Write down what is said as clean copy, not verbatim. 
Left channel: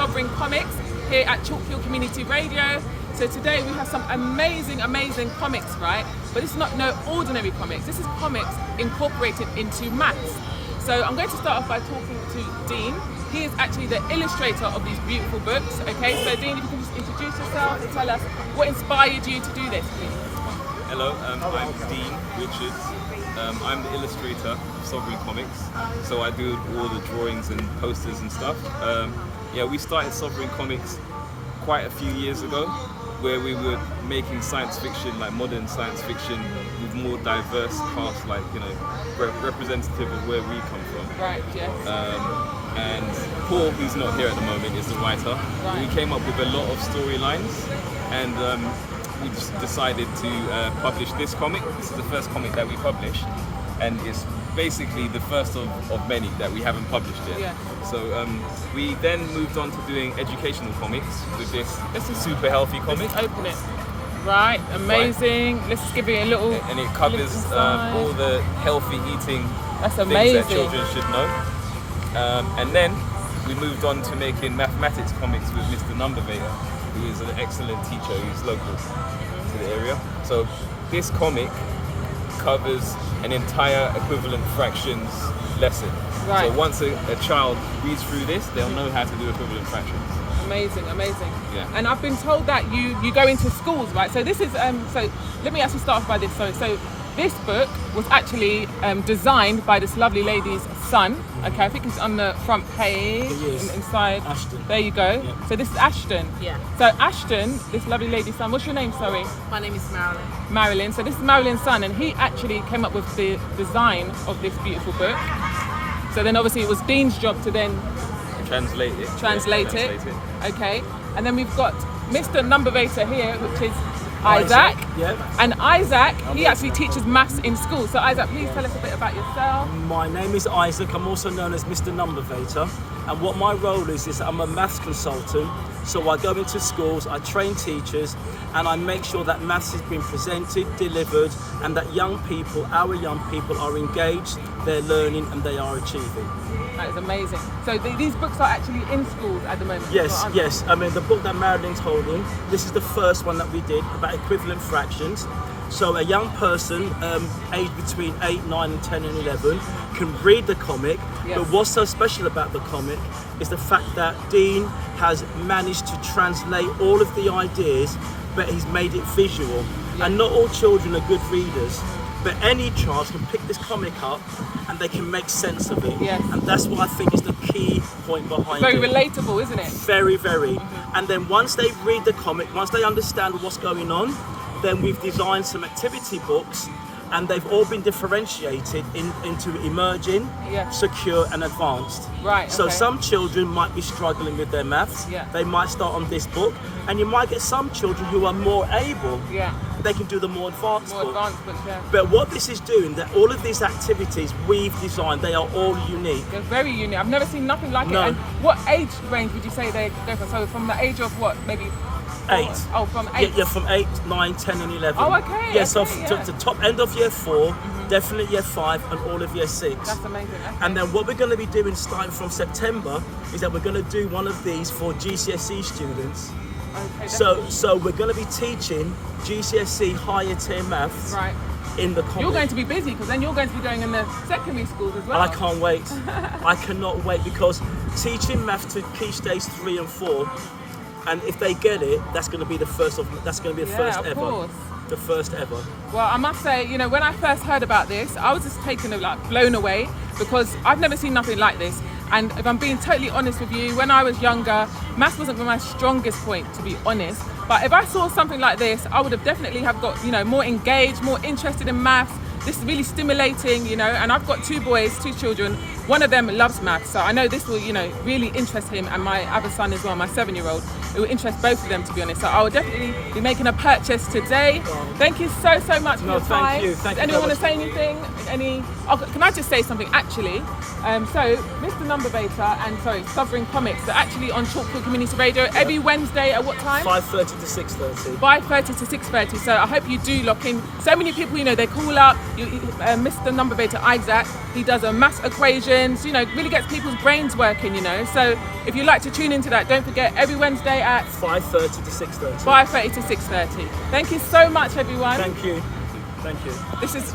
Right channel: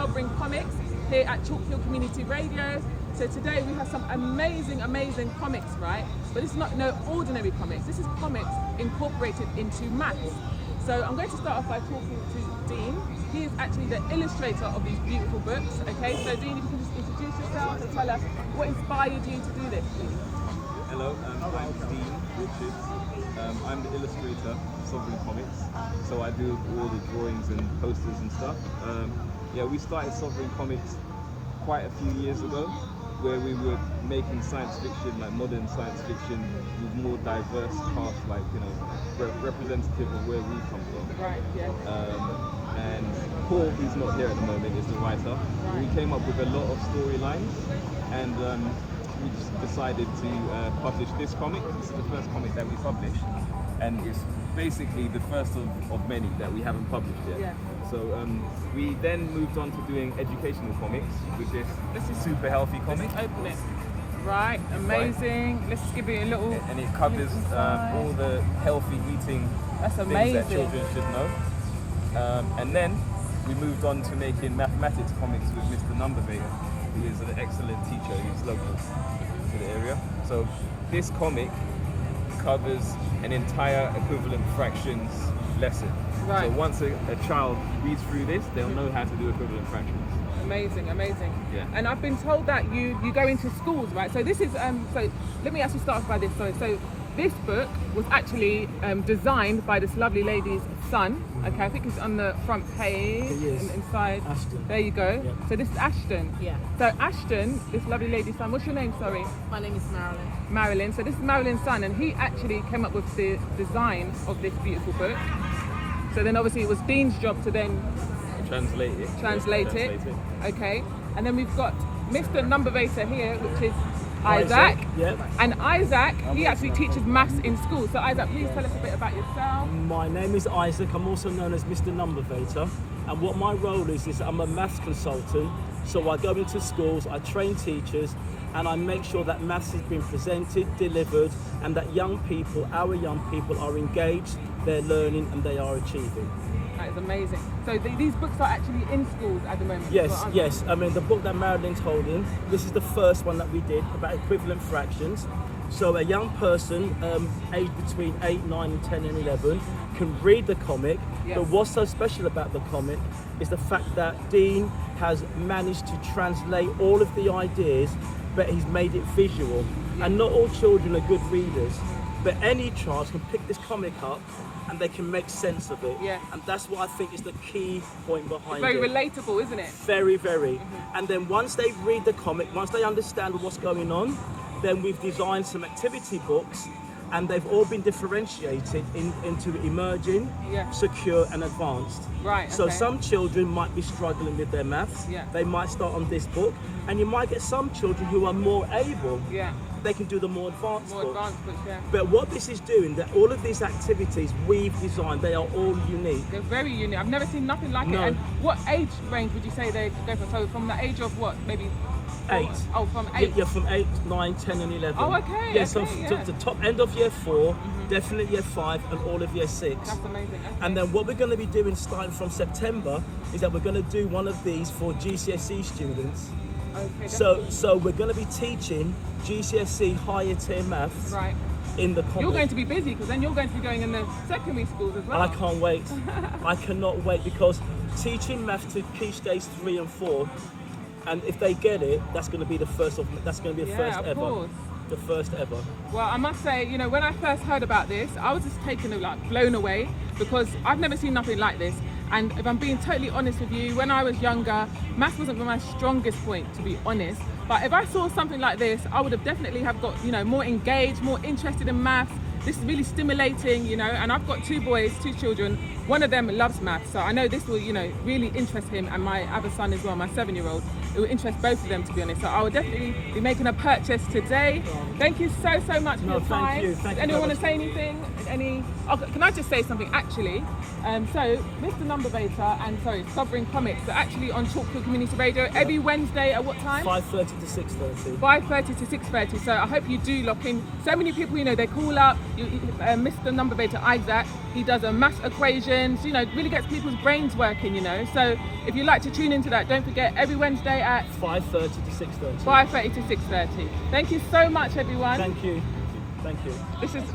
Sovereign Comics here at Chalk Hill Community Radio. So today we have some amazing comics, right? But it's not no ordinary comics. This is comics incorporated into maths. So I'm going to start off by talking to Dean. He is actually the illustrator of these beautiful books. Okay, so Dean, if you can just introduce yourself and tell us what inspired you to do this, please. Hello, I'm Dean Richards. I'm the illustrator of Sovereign Comics. So I do all the drawings and posters and stuff. We started Sovereign Comics quite a few years ago, where we were making science fiction, like modern science fiction, with more diverse cast, like, you know, representative of where we come from. Right, yes. And Paul, who's not here at the moment, is the writer. Right. We came up with a lot of storylines, and we just decided to publish this comic. This is the first comic that we published, and it's basically the first of many that we haven't published yet. Yeah. So we then moved on to doing educational comics with this super healthy comic. Let's open it. Right, amazing. Right. Let's give it a little. And it covers all the healthy eating things that children should know. And then we moved on to making mathematics comics with Mr. NumberVator, who is an excellent teacher who's local to the area. So this comic covers an entire equivalent fractions lesson. Right. So once a child reads through this, they'll know how to do equivalent fractions. Amazing. Yeah. And I've been told that you go into schools, right? So this is so let me actually start off by this. So this book was actually designed by this lovely lady's son. Okay, I think it's on the front page. Inside. Ashton. There you go. Yeah. So this is Ashton. Yeah. So Ashton, this lovely lady's son. What's your name? Sorry. My name is Marilyn. Marilyn. So this is Marilyn's son, and he actually came up with the design of this beautiful book. So then obviously it was Dean's job to then Translate it. Okay. And then we've got Mr. NumberVator here, which is Isaac. Yeah. And Isaac, he actually teaches maths in school. So Isaac, please tell us a bit about yourself. My name is Isaac. I'm also known as Mr. NumberVator. And what my role is I'm a maths consultant. So I go into schools, I train teachers, and I make sure that maths is being presented, delivered, and that our young people are engaged, they're learning, and they are achieving. That is amazing. So these books are actually in schools at the moment? Yes. I mean, the book that Marilyn's holding, this is the first one that we did about equivalent fractions. So a young person aged between 8, 9 and 10 and 11 can read the comic. Yes. But what's so special about the comic is the fact that Dean has managed to translate all of the ideas, but he's made it visual. Yeah. And not all children are good readers, but any child can pick this comic up and they can make sense of it. Yes. And that's what I think is the key point behind Very it. relatable, isn't it? Very, very. And then once they read the comic, once they understand what's going on, then we've designed some activity books, and they've all been differentiated into emerging, secure and advanced. Right. So okay. some children might be struggling with their maths. Yeah. They might start on this book, and you might get some children who are more able. Yeah. They can do the more advanced book. Books, yeah. But what this is doing, that all of these activities we've designed, they are all unique. They're very unique. I've never seen nothing like it. And what age range would you say they go from? So from the age of what, maybe 8. Oh, from 8? Yeah, from 8, 9, 10 and 11. Oh, okay. Yeah, so okay, to the top end of year 4, definitely year 5 and all of year 6. That's amazing. Okay. And then what we're going to be doing starting from September is that we're going to do one of these for GCSE students. Okay, so we're going to be teaching GCSE higher tier maths right. in the comic. You're going to be busy because then you're going to be going in the secondary schools as well. And I can't wait. I cannot wait, because teaching maths to key stage 3 and 4, and if they get it, that's going to be the first ever. Course. The first ever. Well, I must say, you know, when I first heard about this, I was just blown away, because I've never seen nothing like this. And if I'm being totally honest with you, when I was younger, maths wasn't my strongest point, to be honest. But if I saw something like this, I would have definitely have got, you know, more engaged, more interested in maths. This is really stimulating, you know, and I've got 2 boys, 2 children. One of them loves maths, so I know this will, you know, really interest him, and my other son as well, my 7-year-old. It will interest both of them, to be honest. So I will definitely be making a purchase today. Thank you so much for your time. Thank you. Anyone want to say anything? Can I just say something, actually? So Mr. NumberVator and Sovereign Comics are actually on Chalk Hill Community Radio every Wednesday at what time? 5:30 to 6:30. 5:30 to 6:30. So I hope you do lock in. So many people, you know, they call up, Mr. NumberVator Isaac, he does a maths equations, you know, really gets people's brains working, you know. So if you'd like to tune into that, don't forget every Wednesday at 5:30 to 6:30. 5:30 to 6:30. Thank you so much, everyone. Thank you. Thank you. This is